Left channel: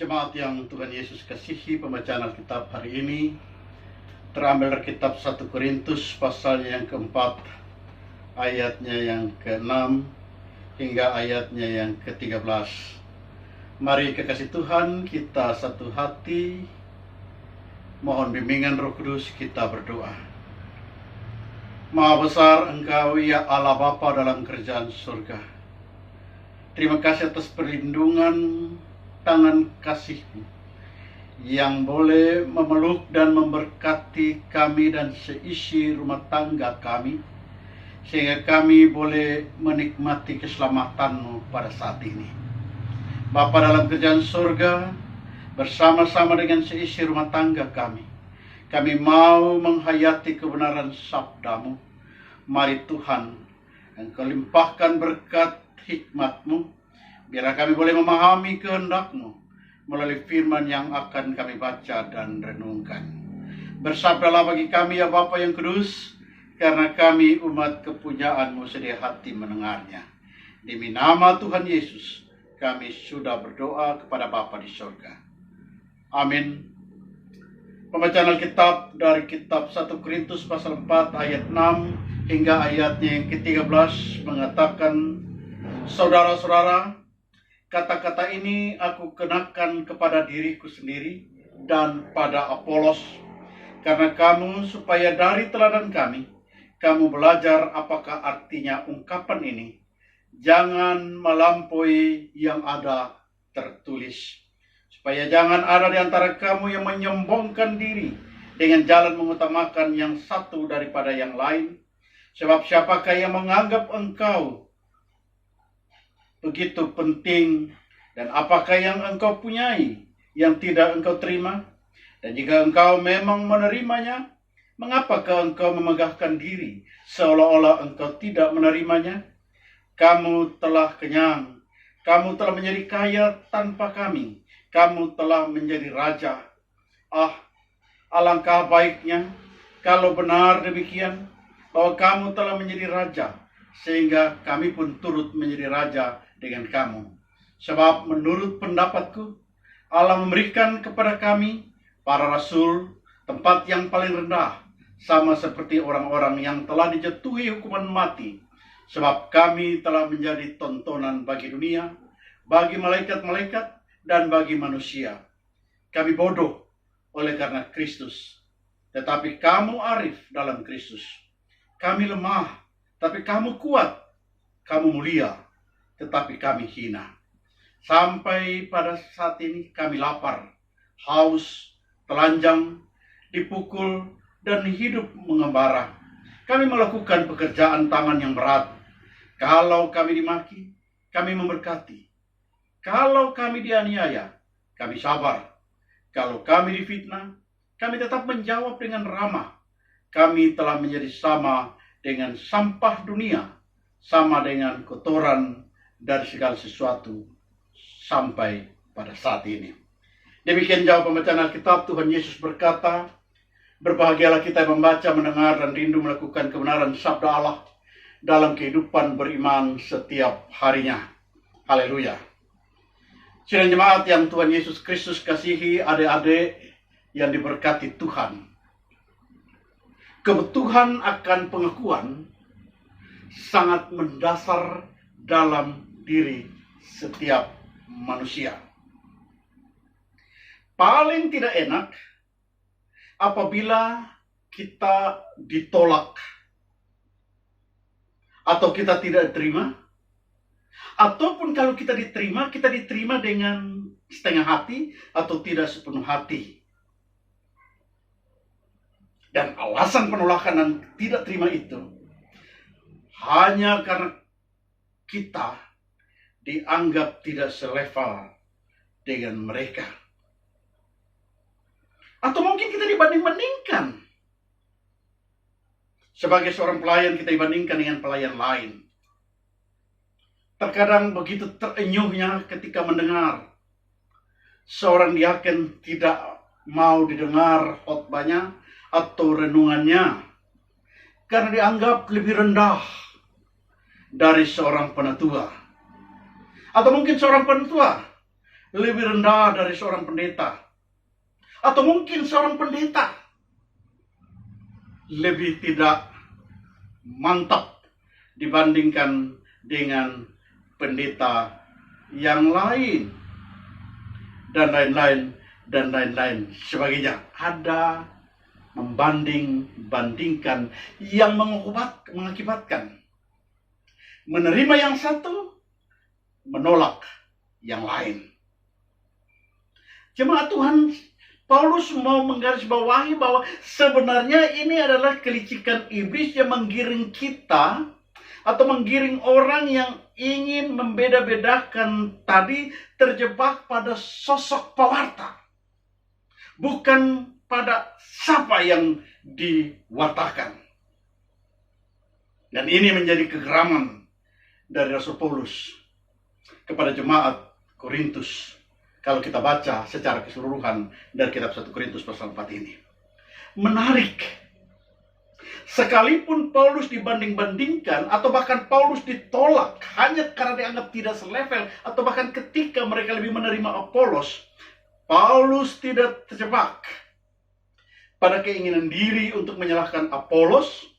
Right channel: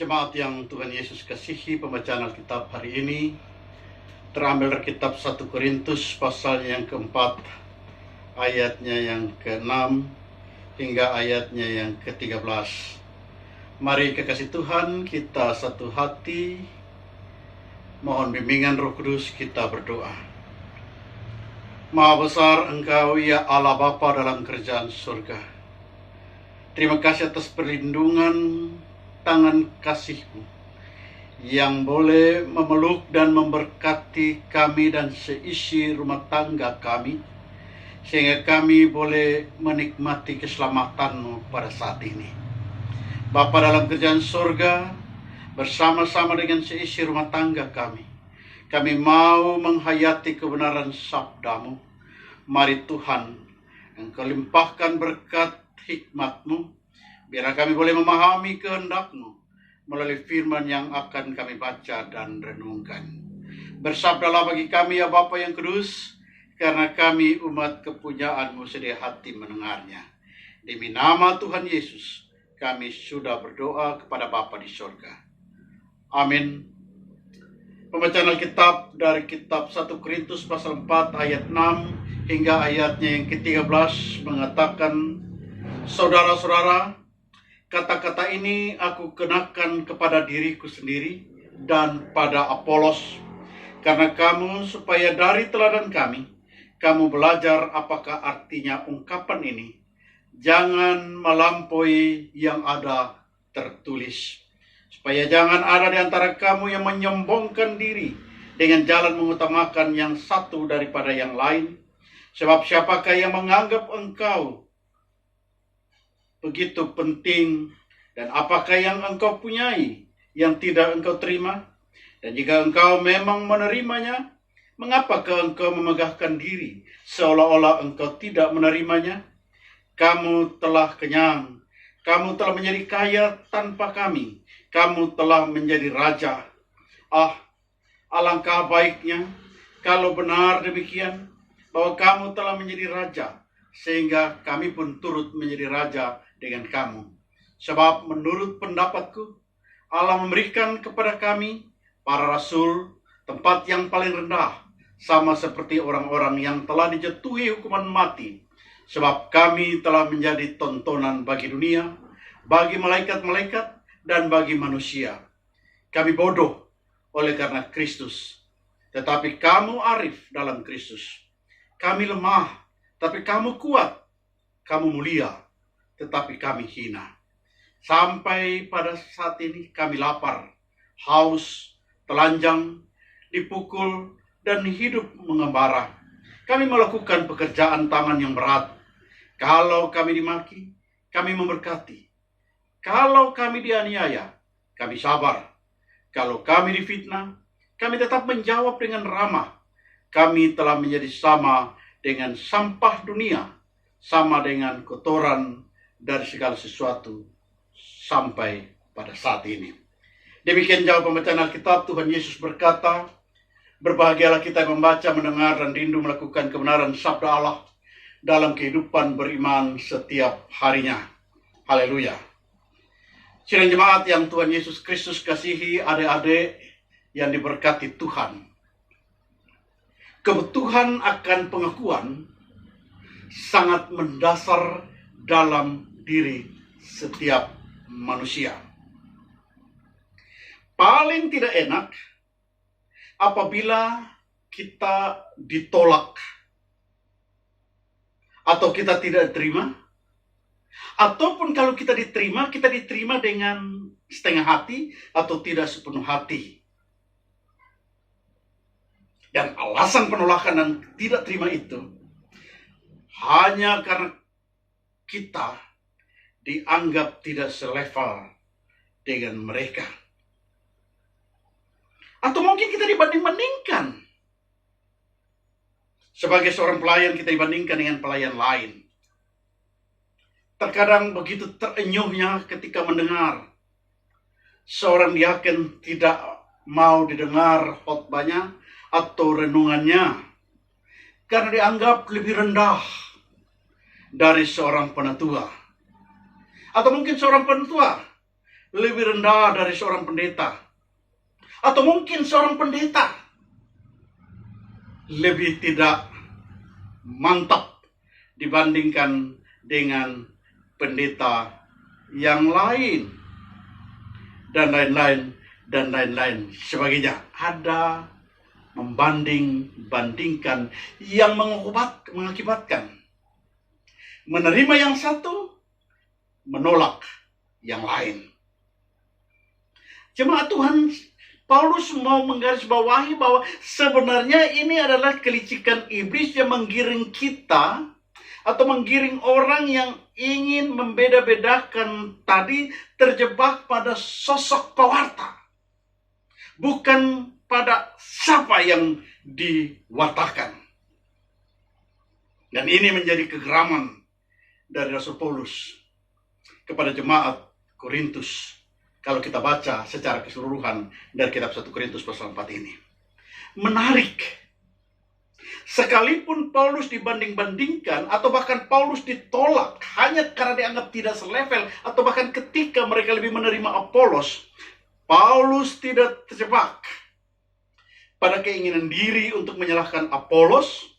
Jemaat yang Tuhan Yesus kasihi, pembacaan Alkitab hari ini terambil dari kitab 1 Korintus pasalnya yang keempat, ayatnya yang ke-6 hingga ayatnya yang ke-13. Mari kekasih Tuhan, kita satu hati, mohon bimbingan Roh Kudus, kita berdoa. Maha besar Engkau ya Allah Bapa dalam kerajaan surga. Terima kasih atas perlindungan tangan kasih-Mu yang boleh memeluk dan memberkati kami dan seisi rumah tangga kami, sehingga kami boleh menikmati keselamatan-Mu pada saat ini. Bapa dalam kerajaan surga, bersama-sama dengan seisi rumah tangga kami mau menghayati kebenaran sabda-Mu. Mari Tuhan, Engkau limpahkan berkat hikmat-Mu, biar kami boleh memahami kehendak-Mu melalui firman yang akan kami baca dan renungkan. Bersabdalah bagi kami ya Bapa yang kudus, karena kami umat kepunyaan-Mu sedia hati mendengarnya. Demi nama Tuhan Yesus, kami sudah berdoa kepada Bapa di surga. Amin. Pembacaan Alkitab dari kitab 1 Korintus pasal 4 ayat 6 hingga ayatnya yang ke-13 mengatakan, saudara-saudara, kata-kata ini aku kenakan kepada diriku sendiri dan pada Apolos, karena kamu supaya dari teladan kami, kamu belajar apakah artinya ungkapan ini. Jangan melampaui yang ada tertulis, supaya jangan ada di antara kamu yang menyombongkan diri dengan jalan mengutamakan yang satu daripada yang lain. Sebab siapakah yang menganggap engkau begitu penting, dan apakah yang engkau punyai yang tidak engkau terima? Dan jika engkau memang menerimanya, mengapakah engkau memegahkan diri seolah-olah engkau tidak menerimanya? Kamu telah kenyang, kamu telah menjadi kaya tanpa kami, kamu telah menjadi raja. Alangkah baiknya kalau benar demikian, bahwa kamu telah menjadi raja, sehingga kami pun turut menjadi raja dengan kamu. Sebab menurut pendapatku, Allah memberikan kepada kami, para rasul, tempat yang paling rendah, sama seperti orang-orang yang telah dijatuhi hukuman mati. Sebab kami telah menjadi tontonan bagi dunia, bagi malaikat-malaikat, dan bagi manusia. Kami bodoh oleh karena Kristus, tetapi kamu arif dalam Kristus. Kami lemah, tapi kamu kuat. Kamu mulia, tetapi kami hina. Sampai pada saat ini kami lapar, haus, telanjang, dipukul, dan hidup mengembara. Kami melakukan pekerjaan tangan yang berat. Kalau kami dimaki, kami memberkati. Kalau kami dianiaya, kami sabar. Kalau kami difitnah, kami tetap menjawab dengan ramah. Kami telah menjadi sama dengan sampah dunia, sama dengan kotoran dari segala sesuatu sampai pada saat ini. Demikian jawab pembacaan Alkitab. Tuhan Yesus berkata, berbahagialah kita yang membaca, mendengar, dan rindu melakukan kebenaran sabda Allah dalam kehidupan beriman setiap harinya. Haleluya. Sidang jemaat yang Tuhan Yesus Kristus kasihi, adik-adik yang diberkati Tuhan. Kebutuhan akan pengakuan sangat mendasar dalam diri setiap manusia. Paling tidak enak apabila kita ditolak atau kita tidak diterima, ataupun kalau kita diterima dengan setengah hati atau tidak sepenuh hati. Dan alasan penolakan dan tidak terima itu hanya karena kita dianggap tidak selevel dengan mereka. Atau mungkin kita dibanding-bandingkan. Sebagai seorang pelayan kita dibandingkan dengan pelayan lain. Terkadang begitu terenyuhnya ketika mendengar seorang diaken tidak mau didengar khotbahnya atau renungannya karena dianggap lebih rendah dari seorang penatua. Atau mungkin seorang penatua lebih rendah dari seorang pendeta. Atau mungkin seorang pendeta lebih tidak mantap dibandingkan dengan pendeta yang lain. Dan lain-lain sebagainya. Ada membanding-bandingkan yang mengakibatkan menerima yang satu, menolak yang lain. Jemaat Tuhan, Paulus mau menggarisbawahi bahwa sebenarnya ini adalah kelicikan iblis yang menggiring kita atau menggiring orang yang ingin membeda-bedakan tadi, terjebak pada sosok pewarta, bukan pada siapa yang diwatakan. Dan ini menjadi kegeraman dari Rasul Paulus kepada jemaat Korintus. Kalau kita baca secara keseluruhan dari kitab 1 Korintus pasal 4 ini. Menarik. Sekalipun Paulus dibanding-bandingkan atau bahkan Paulus ditolak hanya karena dianggap tidak selevel, atau bahkan ketika mereka lebih menerima Apolos, Paulus tidak terjebak pada keinginan diri untuk menyalahkan Apolos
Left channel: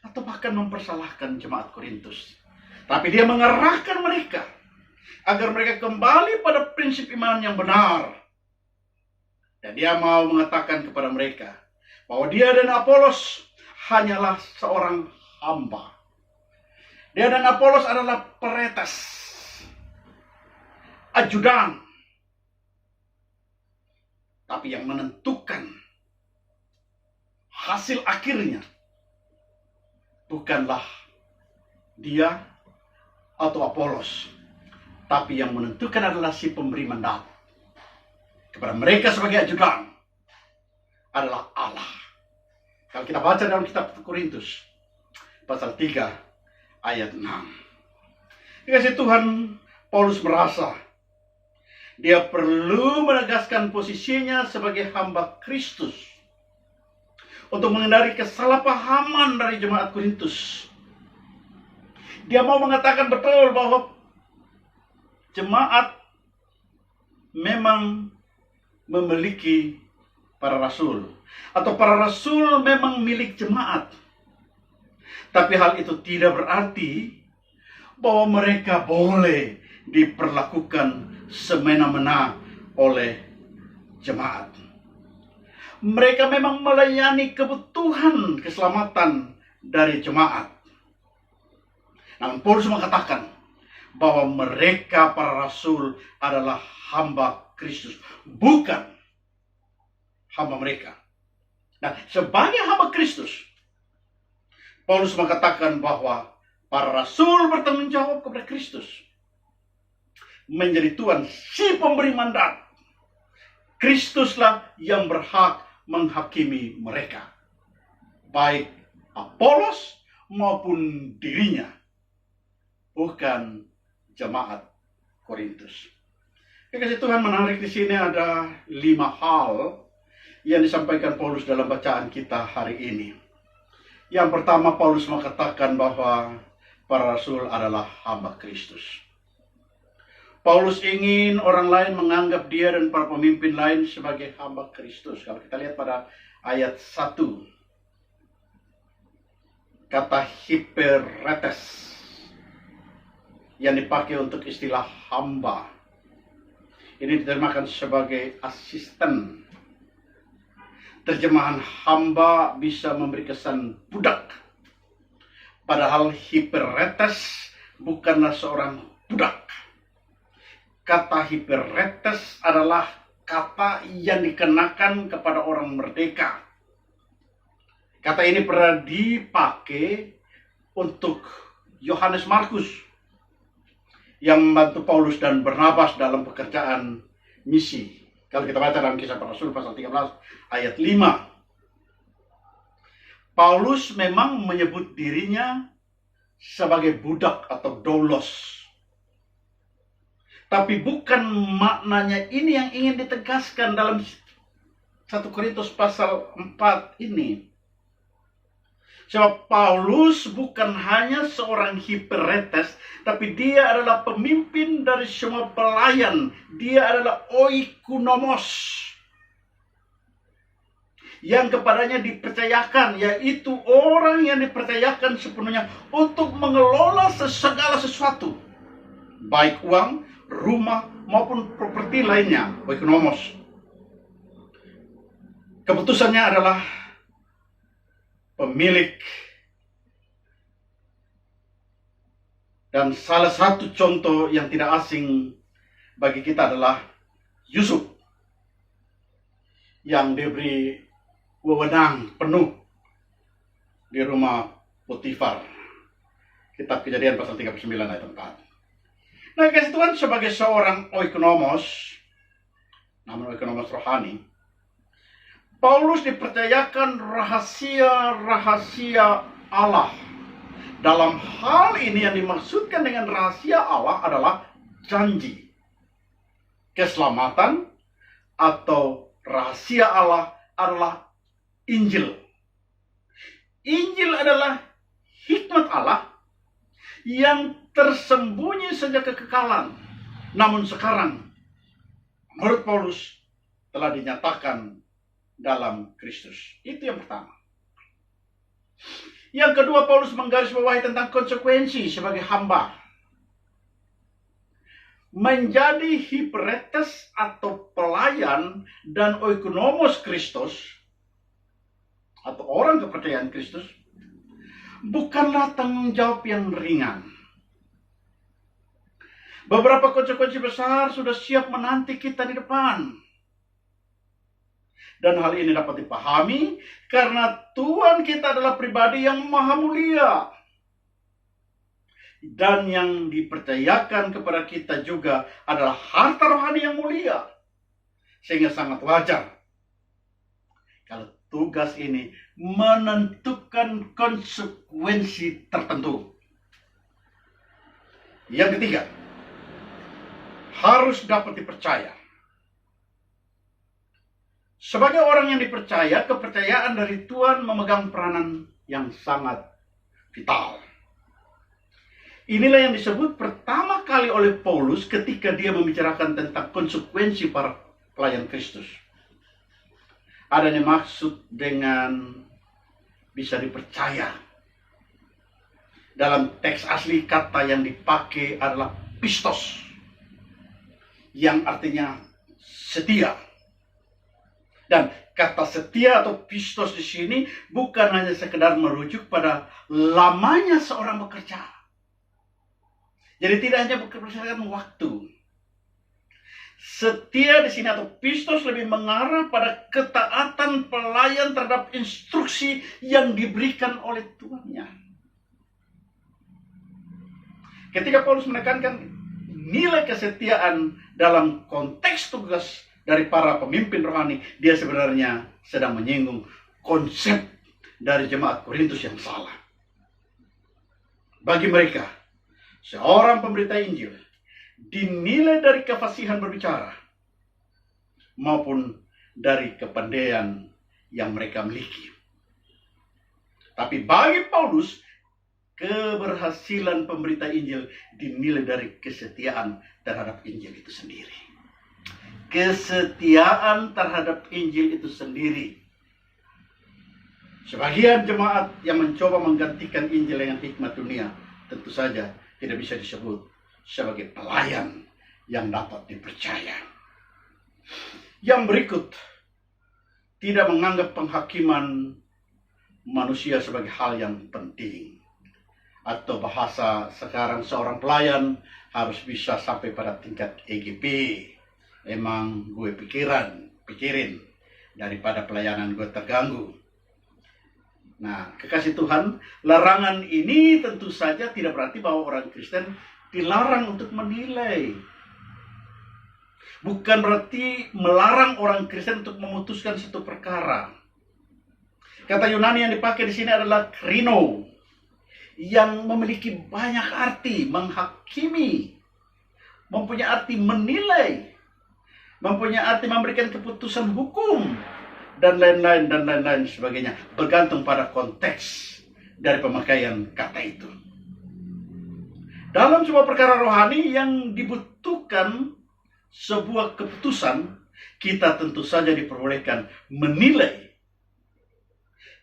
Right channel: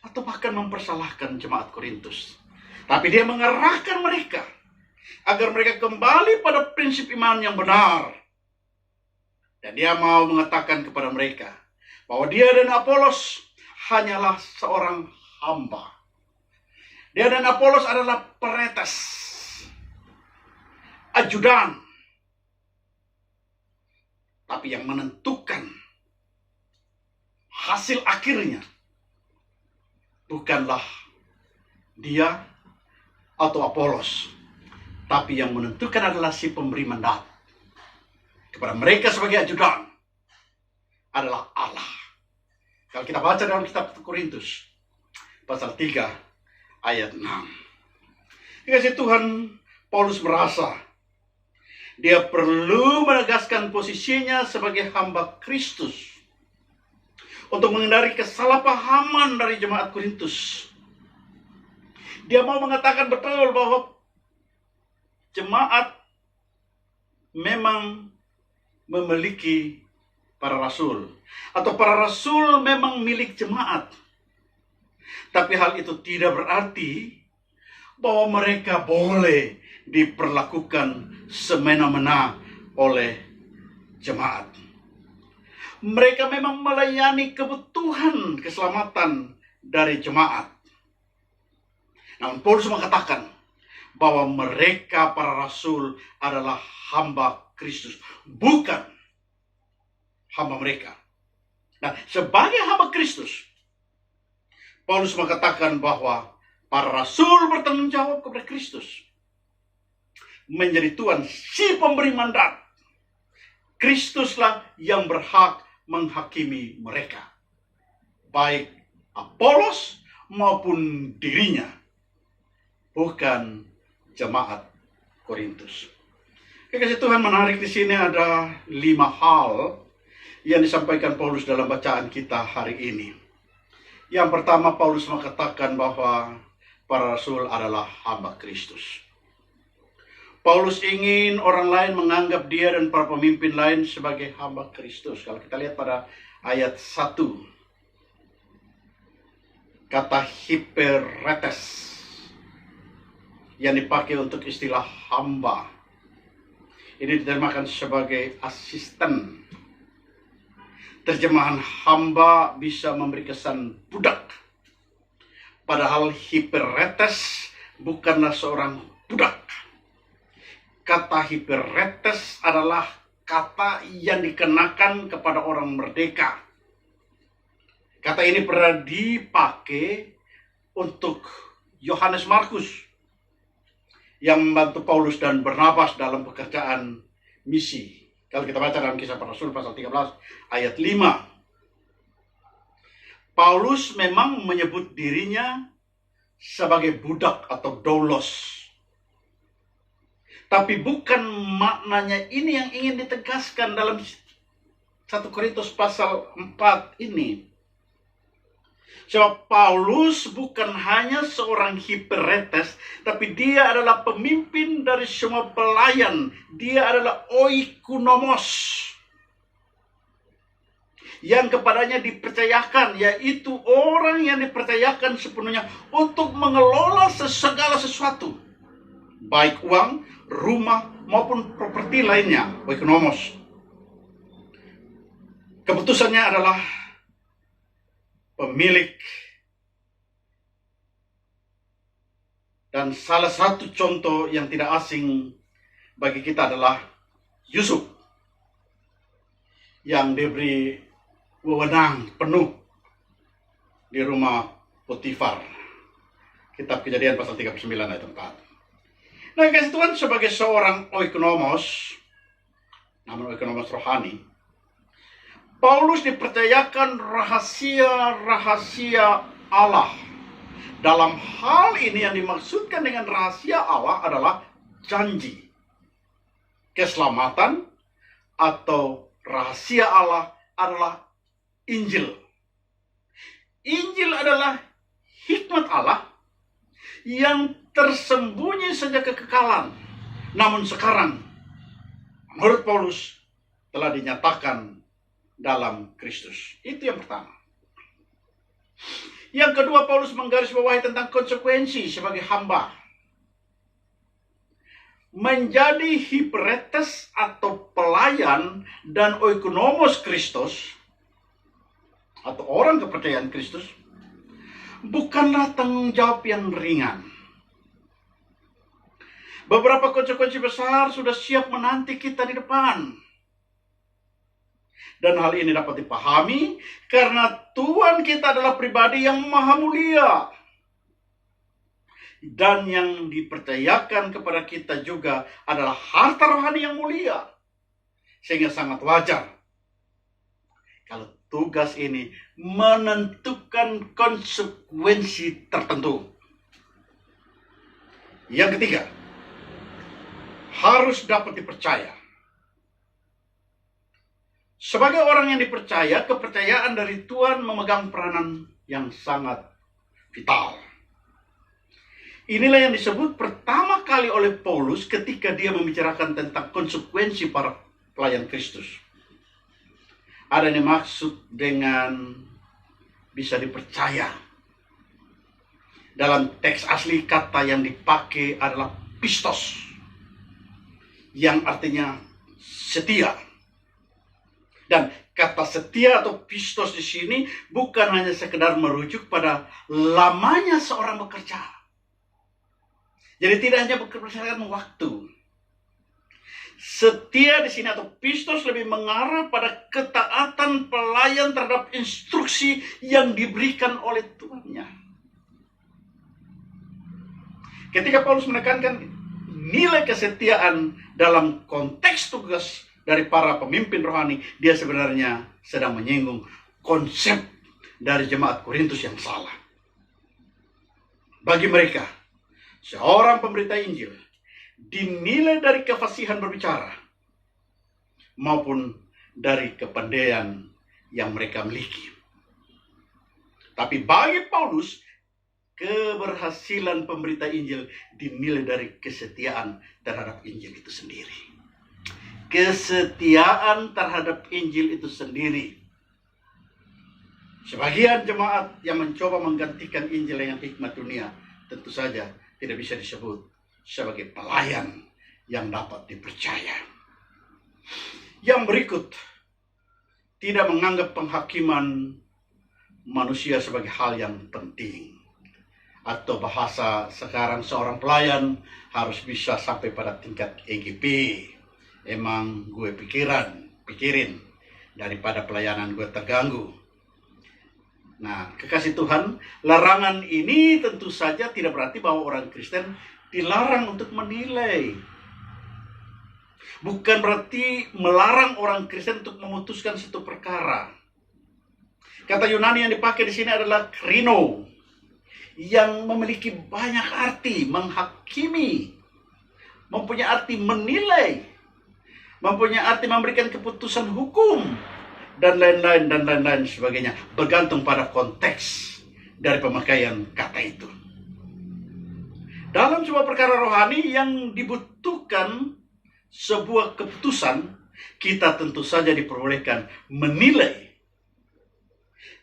atau bahkan mempersalahkan jemaat Korintus. Tapi dia mengarahkan mereka agar mereka kembali pada prinsip iman yang benar. Dan dia mau mengatakan kepada mereka bahwa dia dan Apolos hanyalah seorang hamba. Dia dan Apolos adalah peretas, ajudan. Tapi yang menentukan hasil akhirnya bukanlah dia atau Apolos, tapi yang menentukan adalah si pemberi mandat kepada mereka sebagai ajudan adalah Allah. Kalau kita baca dalam kitab Korintus pasal 3 ayat 6. Dikasih Tuhan, Paulus merasa dia perlu menegaskan posisinya sebagai hamba Kristus untuk menghindari kesalahpahaman dari jemaat Korintus. Dia mau mengatakan betul bahwa jemaat memang memiliki para rasul, atau para rasul memang milik jemaat. Tapi hal itu tidak berarti bahwa mereka boleh diperlakukan semena-mena oleh jemaat. Mereka memang melayani kebutuhan keselamatan dari jemaat. Namun Paulus mengatakan bahwa mereka para rasul adalah hamba Kristus, bukan hamba mereka. Nah, sebagai hamba Kristus, Paulus mengatakan bahwa para rasul bertanggung jawab kepada Kristus, menjadi Tuhan, si pemberi mandat. Kristuslah yang berhak menghakimi mereka, baik Apolos maupun dirinya, bukan jemaat Korintus. Kekasih Tuhan, menarik di sini ada 5 hal yang disampaikan Paulus dalam bacaan kita hari ini. Yang pertama, Paulus mengatakan bahwa para rasul adalah hamba Kristus. Paulus ingin orang lain menganggap dia dan para pemimpin lain sebagai hamba Kristus. Kalau kita lihat pada ayat 1, kata hiperetes yang dipakai untuk istilah hamba ini diterjemahkan sebagai asisten. Terjemahan hamba bisa memberi kesan budak, padahal hiperetes bukanlah seorang budak. Kata hiperetes adalah kata yang dikenakan kepada orang merdeka. Kata ini pernah dipakai untuk Yohanes Markus yang membantu Paulus dan Barnabas dalam pekerjaan misi. Kalau kita baca dalam Kisah Para Rasul pasal 13 ayat 5. Paulus memang menyebut dirinya sebagai budak atau doulos. Tapi bukan maknanya ini yang ingin ditegaskan dalam 1 Korintus pasal 4 ini. Sebab Paulus bukan hanya seorang hiperetes, tapi dia adalah pemimpin dari semua pelayan. Dia adalah oikonomos, yang kepadanya dipercayakan, yaitu orang yang dipercayakan sepenuhnya untuk mengelola segala sesuatu, baik uang, rumah, maupun properti lainnya, oikonomos. Keputusannya adalah pemilik. Dan salah satu contoh yang tidak asing bagi kita adalah Yusuf, yang diberi wewenang penuh di rumah Potifar. Kitab Kejadian pasal 39 ayat 4. Nah, kasih Tuhan, sebagai seorang oikonomos, namun oikonomos rohani, Paulus dipercayakan rahasia-rahasia Allah. Dalam hal ini yang dimaksudkan dengan rahasia Allah adalah janji, keselamatan, atau rahasia Allah adalah Injil. Injil adalah hikmat Allah yang tersembunyi sejak kekekalan, namun sekarang menurut Paulus telah dinyatakan dalam Kristus. Itu yang pertama. Yang kedua, Paulus menggarisbawahi tentang konsekuensi sebagai hamba. Menjadi hiperetes atau pelayan dan oikonomos Kristus, atau orang kepercayaan Kristus, bukanlah tanggung jawab yang ringan. Beberapa konsekuensi besar sudah siap menanti kita di depan. Dan hal ini dapat dipahami karena Tuhan kita adalah pribadi yang maha mulia. Dan yang dipercayakan kepada kita juga adalah harta rohani yang mulia. Sehingga sangat wajar kalau tugas ini menentukan konsekuensi tertentu. Yang ketiga, harus dapat dipercaya. Sebagai orang yang dipercaya, kepercayaan dari Tuhan memegang peranan yang sangat vital. Inilah yang disebut pertama kali oleh Paulus ketika dia membicarakan tentang konsekuensi para pelayan Kristus. Ada yang dimaksud dengan bisa dipercaya. Dalam teks asli kata yang dipakai adalah pistos, yang artinya setia. Dan kata setia atau pistos di sini bukan hanya sekedar merujuk pada lamanya seorang bekerja. Jadi tidak hanya berdasarkan waktu. Setia di sini atau pistos lebih mengarah pada ketaatan pelayan terhadap instruksi yang diberikan oleh tuannya. Ketika Paulus menekankan nilai kesetiaan dalam konteks tugas dari para pemimpin rohani, dia sebenarnya sedang menyinggung konsep dari jemaat Korintus yang salah. Bagi mereka, seorang pemberita Injil dinilai dari kefasihan berbicara maupun dari kepandaian yang mereka miliki. Tapi bagi Paulus, keberhasilan pemberita Injil dinilai dari kesetiaan terhadap Injil itu sendiri. Kesetiaan terhadap Injil itu sendiri. Sebagian jemaat yang mencoba menggantikan Injil dengan hikmat dunia tentu saja tidak bisa disebut sebagai pelayan yang dapat dipercaya. Yang berikut tidak menganggap penghakiman manusia sebagai hal yang penting. Atau bahasa sekarang, seorang pelayan harus bisa sampai pada tingkat EGP. Emang gue pikirin daripada pelayanan gue terganggu. Nah, kekasih Tuhan, larangan ini tentu saja tidak berarti bahwa orang Kristen dilarang untuk menilai. Bukan berarti melarang orang Kristen untuk memutuskan satu perkara. Kata Yunani yang dipakai di sini adalah krino, yang memiliki banyak arti, menghakimi, mempunyai arti menilai, mempunyai arti memberikan keputusan hukum, dan lain-lain sebagainya, bergantung pada konteks dari pemakaian kata itu. Dalam sebuah perkara rohani yang dibutuhkan sebuah keputusan, kita tentu saja diperbolehkan menilai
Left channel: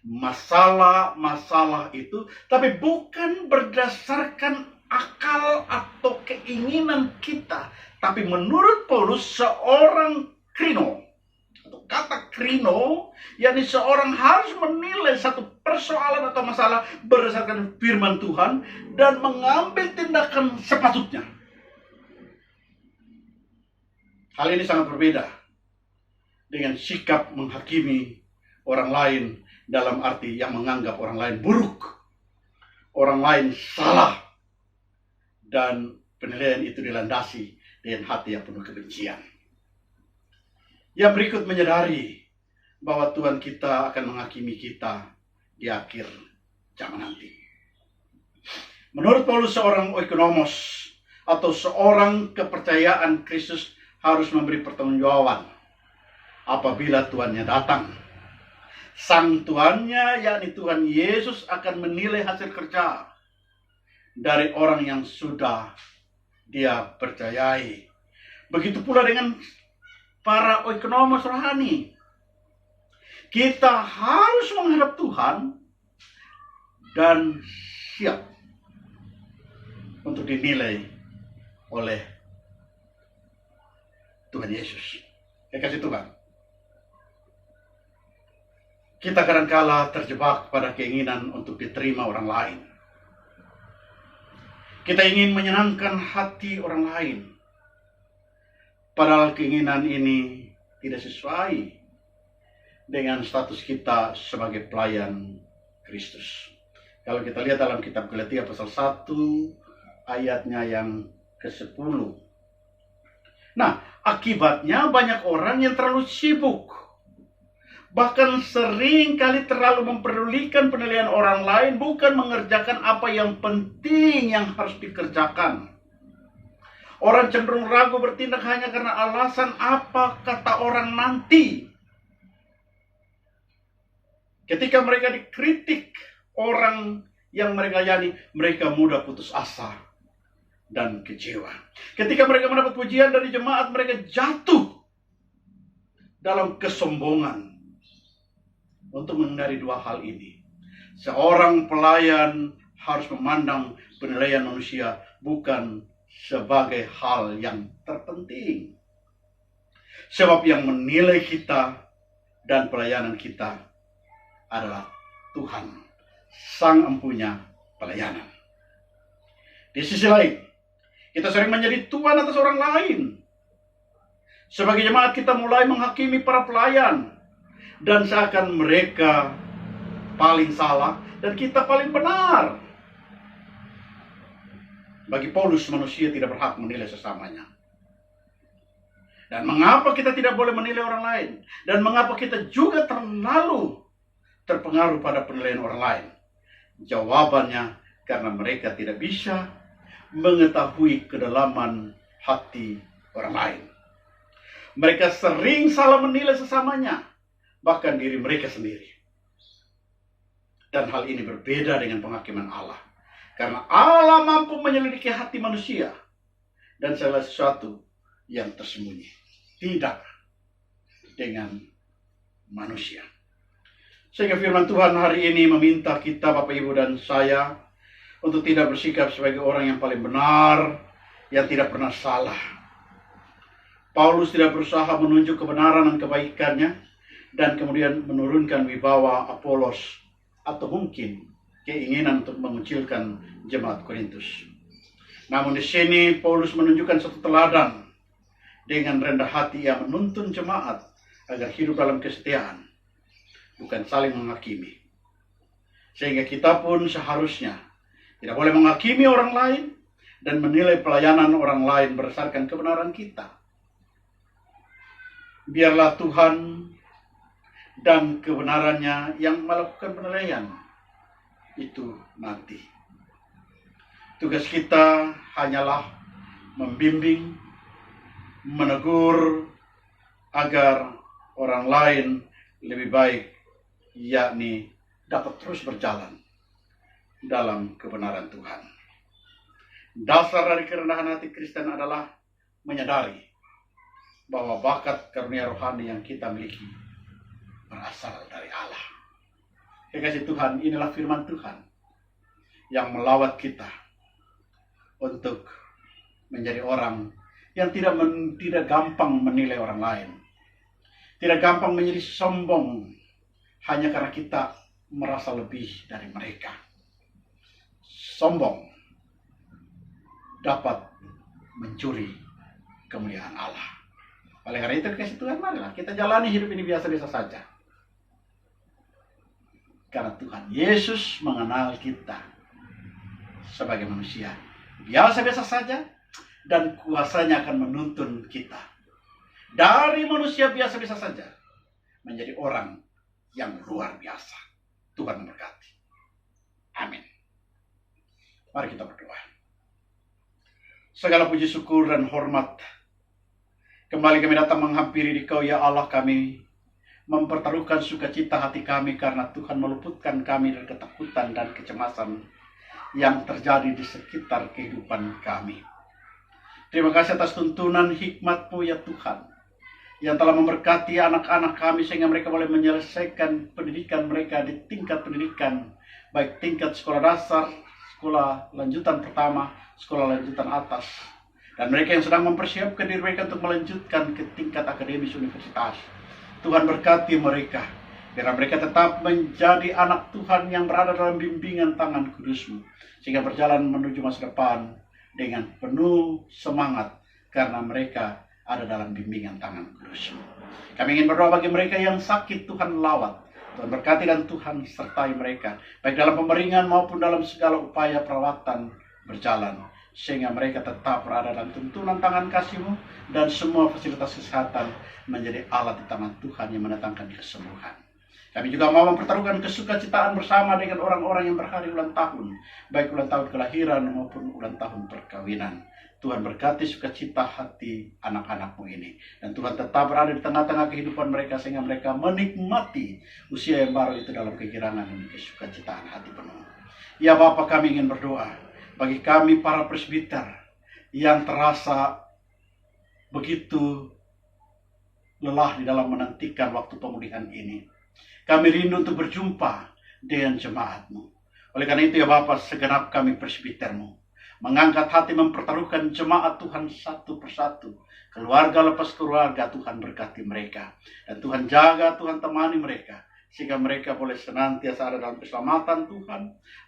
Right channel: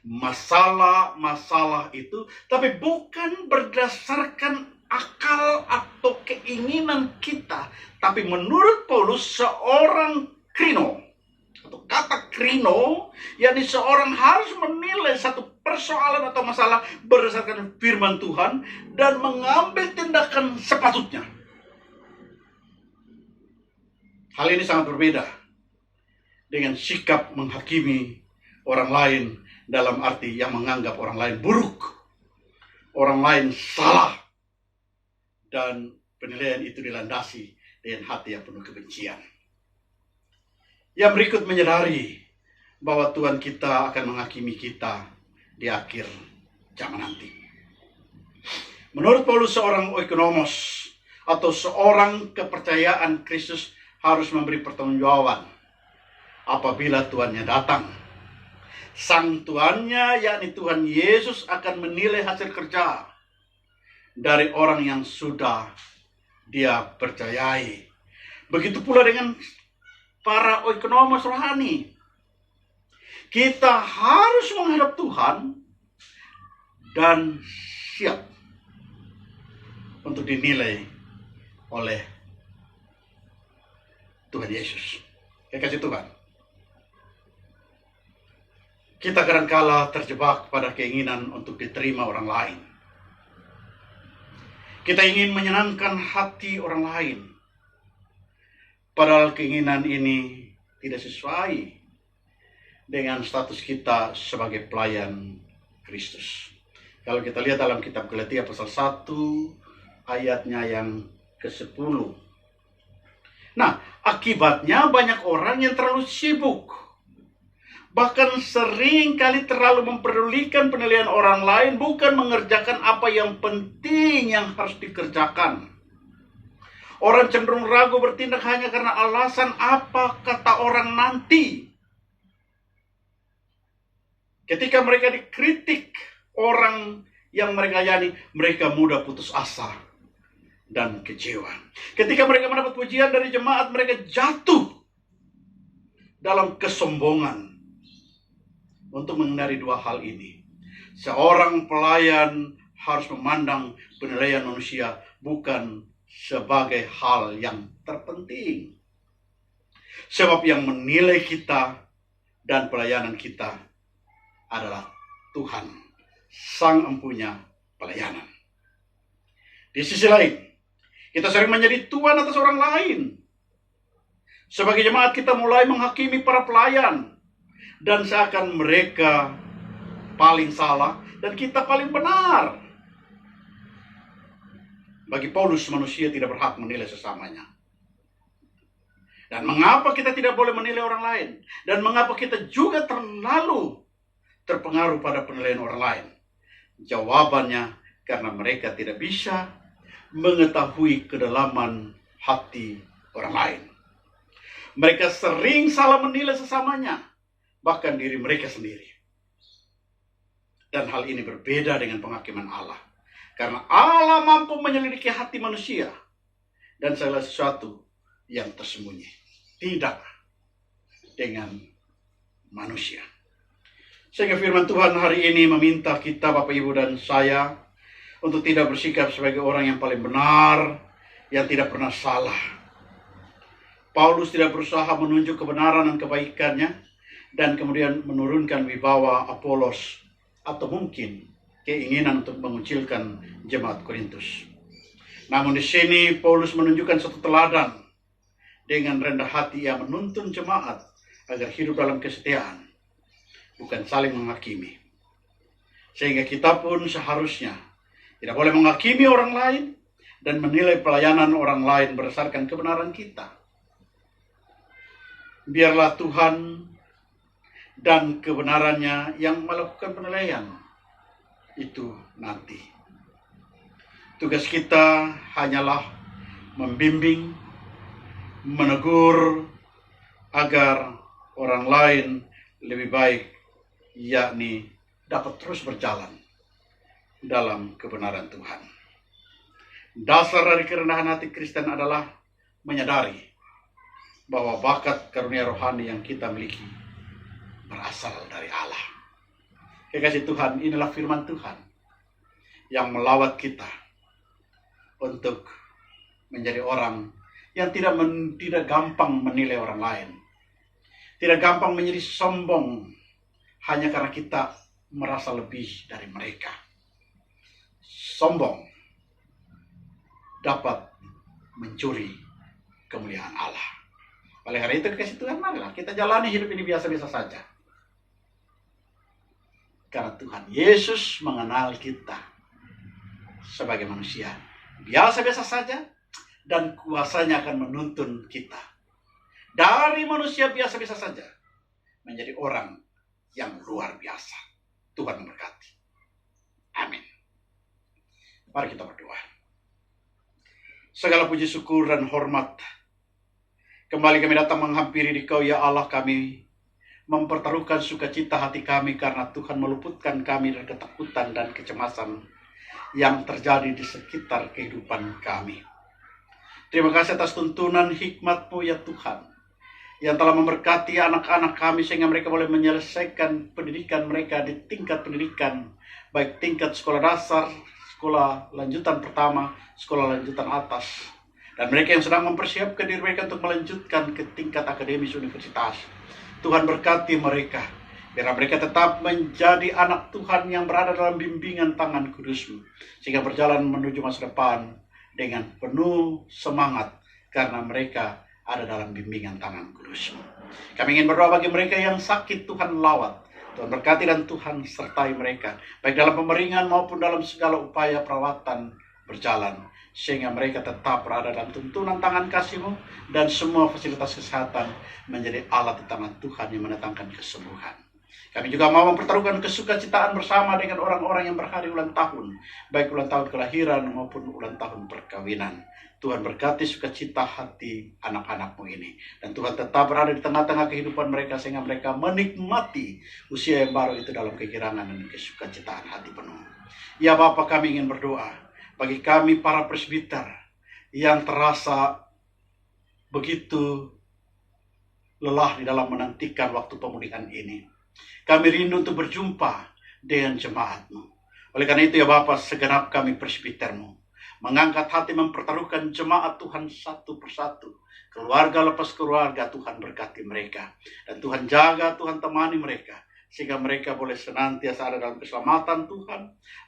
masalah-masalah itu, tapi bukan berdasarkan akal atau keinginan kita, tapi menurut Paulus seorang krino, atau kata krino, yakni seorang harus menilai satu persoalan atau masalah berdasarkan firman Tuhan dan mengambil tindakan sepatutnya. Hal ini sangat berbeda dengan sikap menghakimi orang lain dalam arti yang menganggap orang lain buruk, orang lain salah, dan penilaian itu dilandasi dengan hati yang penuh kebencian. Yang berikut menyadari bahwa Tuhan kita akan menghakimi kita di akhir zaman nanti. Menurut Paulus, seorang oikonomos atau seorang kepercayaan Kristus harus memberi pertanggungjawaban apabila Tuhannya datang. Sang Tuhannya, yakni Tuhan Yesus, akan menilai hasil kerja dari orang yang sudah dia percayai. Begitu pula dengan para oikonomos rohani. Kita harus menghadap Tuhan dan siap untuk dinilai oleh Tuhan Yesus. Kekasih Tuhan, kita kadangkala terjebak pada keinginan untuk diterima orang lain. Kita ingin menyenangkan hati orang lain, padahal keinginan ini tidak sesuai dengan status kita sebagai pelayan Kristus. Kalau kita lihat dalam kitab Galatia pasal 1 ayatnya yang ke-10. Nah, akibatnya banyak orang yang terlalu sibuk, bahkan sering kali terlalu memperdulikan penilaian orang lain, bukan mengerjakan apa yang penting yang harus dikerjakan. Orang cenderung ragu bertindak hanya karena alasan apa kata orang nanti. Ketika mereka dikritik orang yang mereka layani, mereka mudah putus asa dan kecewa. Ketika mereka mendapat pujian dari jemaat, mereka jatuh dalam kesombongan. Untuk menghindari dua hal ini, seorang pelayan harus memandang penilaian manusia bukan sebagai hal yang terpenting. Sebab yang menilai kita dan pelayanan kita adalah Tuhan, Sang Empunya pelayanan. Di sisi lain, kita sering menjadi tuan atas orang lain. Sebagai jemaat, kita mulai menghakimi para pelayan, dan seakan mereka paling salah dan kita paling benar. Bagi Paulus, manusia tidak berhak menilai sesamanya. Dan mengapa kita tidak boleh menilai orang lain? Dan mengapa kita juga terlalu terpengaruh pada penilaian orang lain? Jawabannya, karena mereka tidak bisa mengetahui kedalaman hati orang lain. Mereka sering salah menilai sesamanya, bahkan diri mereka sendiri. Dan hal ini berbeda dengan penghakiman Allah. Karena Allah mampu menyelidiki hati manusia dan segala sesuatu yang tersembunyi. Tidak dengan manusia. Sehingga firman Tuhan hari ini meminta kita, Bapak, Ibu, dan saya, untuk tidak bersikap sebagai orang yang paling benar, yang tidak pernah salah. Paulus tidak berusaha menunjuk kebenaran dan kebaikannya, dan kemudian menurunkan wibawa Apolos, atau mungkin keinginan untuk mengucilkan jemaat Korintus. Namun di sini Paulus menunjukkan satu teladan dengan rendah hati yang menuntun jemaat agar hidup dalam kesetiaan, bukan saling menghakimi. Sehingga kita pun seharusnya tidak boleh menghakimi orang lain dan menilai pelayanan orang lain berdasarkan kebenaran kita. Biarlah Tuhan dan kebenarannya yang melakukan penilaian itu nanti. Tugas kita hanyalah membimbing, menegur agar orang lain lebih baik, yakni dapat terus berjalan dalam kebenaran Tuhan. Dasar dari kerendahan hati Kristen adalah menyadari bahwa bakat karunia rohani yang kita miliki berasal dari Allah. Kekasih Tuhan, inilah firman Tuhan yang melawat kita untuk menjadi orang yang tidak gampang menilai orang lain. Tidak gampang menjadi sombong hanya karena kita merasa lebih dari mereka. Sombong dapat mencuri kemuliaan Allah. Oleh karena itu, kekasih Tuhan, marilah kita jalani hidup ini biasa-biasa saja. Karena Tuhan Yesus mengenal kita sebagai manusia biasa-biasa saja, dan kuasanya akan menuntun kita dari manusia biasa-biasa saja menjadi orang yang luar biasa. Tuhan memberkati. Amin. Mari kita berdoa. Segala puji, syukur, dan hormat kembali kami datang menghampiri Dikau, ya Allah. Kami mempertaruhkan sukacita hati kami karena Tuhan meluputkan kami dari ketakutan dan kecemasan yang terjadi di sekitar kehidupan kami. Terima kasih atas tuntunan hikmat-Mu, ya Tuhan, yang telah memberkati anak-anak kami sehingga mereka boleh menyelesaikan pendidikan mereka di tingkat pendidikan, baik tingkat sekolah dasar, sekolah lanjutan pertama, sekolah lanjutan atas, dan mereka yang sedang mempersiapkan diri mereka untuk melanjutkan ke tingkat akademis universitas. Tuhan berkati mereka, biar mereka tetap menjadi anak Tuhan yang berada dalam bimbingan tangan kudus-Mu, sehingga berjalan menuju masa depan dengan penuh semangat karena mereka ada dalam bimbingan tangan kudus-Mu. Kami ingin berdoa bagi mereka yang sakit, Tuhan lawat, Tuhan berkati dan Tuhan sertai mereka, baik dalam pemeringan maupun dalam segala upaya perawatan berjalan, sehingga mereka tetap berada dalam tuntunan tangan kasih-Mu, dan semua fasilitas kesehatan menjadi alat di tangan Tuhan yang mendatangkan kesembuhan. Kami juga mau mempertaruhkan kesukacitaan bersama dengan orang-orang yang berhari ulang tahun, baik ulang tahun kelahiran maupun ulang tahun perkawinan. Tuhan berkati sukacita hati anak-anak-Mu ini, dan Tuhan tetap berada di tengah-tengah kehidupan mereka sehingga mereka menikmati usia yang baru itu dalam kegirangan dan kesukacitaan hati penuh. Ya Bapa, kami ingin berdoa bagi kami para presbiter yang terasa begitu lelah di dalam menantikan waktu pemulihan ini. Kami rindu untuk berjumpa dengan jemaat-Mu. Oleh karena itu, ya Bapa, segenap kami presbiter-Mu mengangkat hati mempertaruhkan jemaat Tuhan satu persatu. Keluarga lepas keluarga, Tuhan berkati mereka. Dan Tuhan jaga, Tuhan temani mereka, sehingga mereka boleh senantiasa ada dalam keselamatan Tuhan.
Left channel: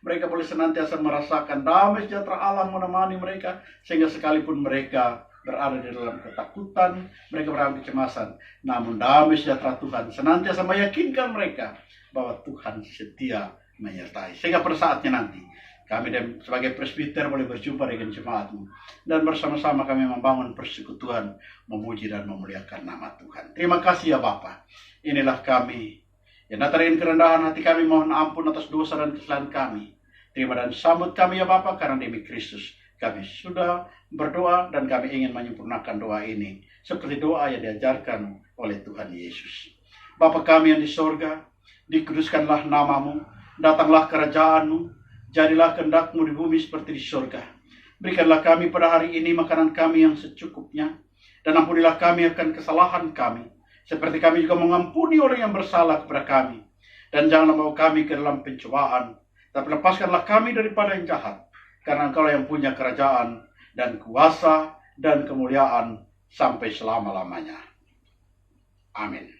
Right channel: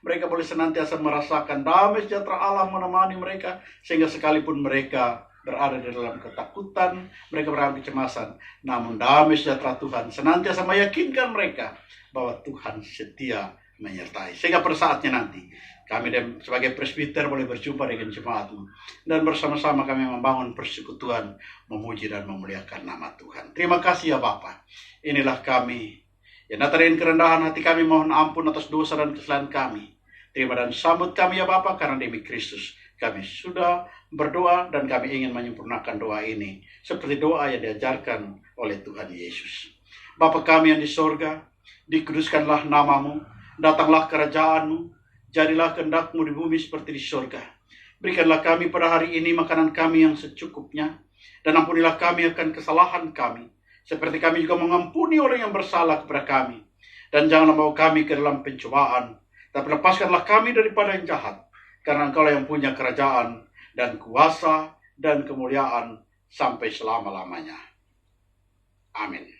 Mereka boleh senantiasa merasakan damai sejahtera Allah menemani mereka, sehingga sekalipun mereka berada di dalam ketakutan, mereka berada di kecemasan, namun damai sejahtera Tuhan senantiasa meyakinkan mereka bahwa Tuhan setia menyertai. Sehingga pada saatnya nanti kami sebagai presbiter boleh berjumpa dengan jemaat-Mu, dan bersama-sama kami membangun persekutuan, memuji dan memuliakan nama Tuhan. Terima kasih ya Bapa. Inilah kami yang datang dengan kerendahan hati kami, mohon ampun atas dosa dan kesalahan kami. Terima dan sambut kami ya Bapa, karena demi Kristus kami sudah berdoa, dan kami ingin menyempurnakan doa ini seperti doa yang diajarkan oleh Tuhan Yesus. Bapa kami yang di sorga, dikuduskanlah nama-Mu, datanglah kerajaan-Mu, jadilah kehendak-Mu di bumi seperti di sorga. Berikanlah kami pada hari ini makanan kami yang secukupnya, dan ampunilah kami akan kesalahan kami, seperti kami juga mengampuni orang yang bersalah kepada kami. Dan janganlah membawa kami ke dalam pencobaan, tapi lepaskanlah kami daripada yang jahat, karena Engkau yang punya kerajaan dan kuasa dan kemuliaan sampai selama-lamanya. Amin.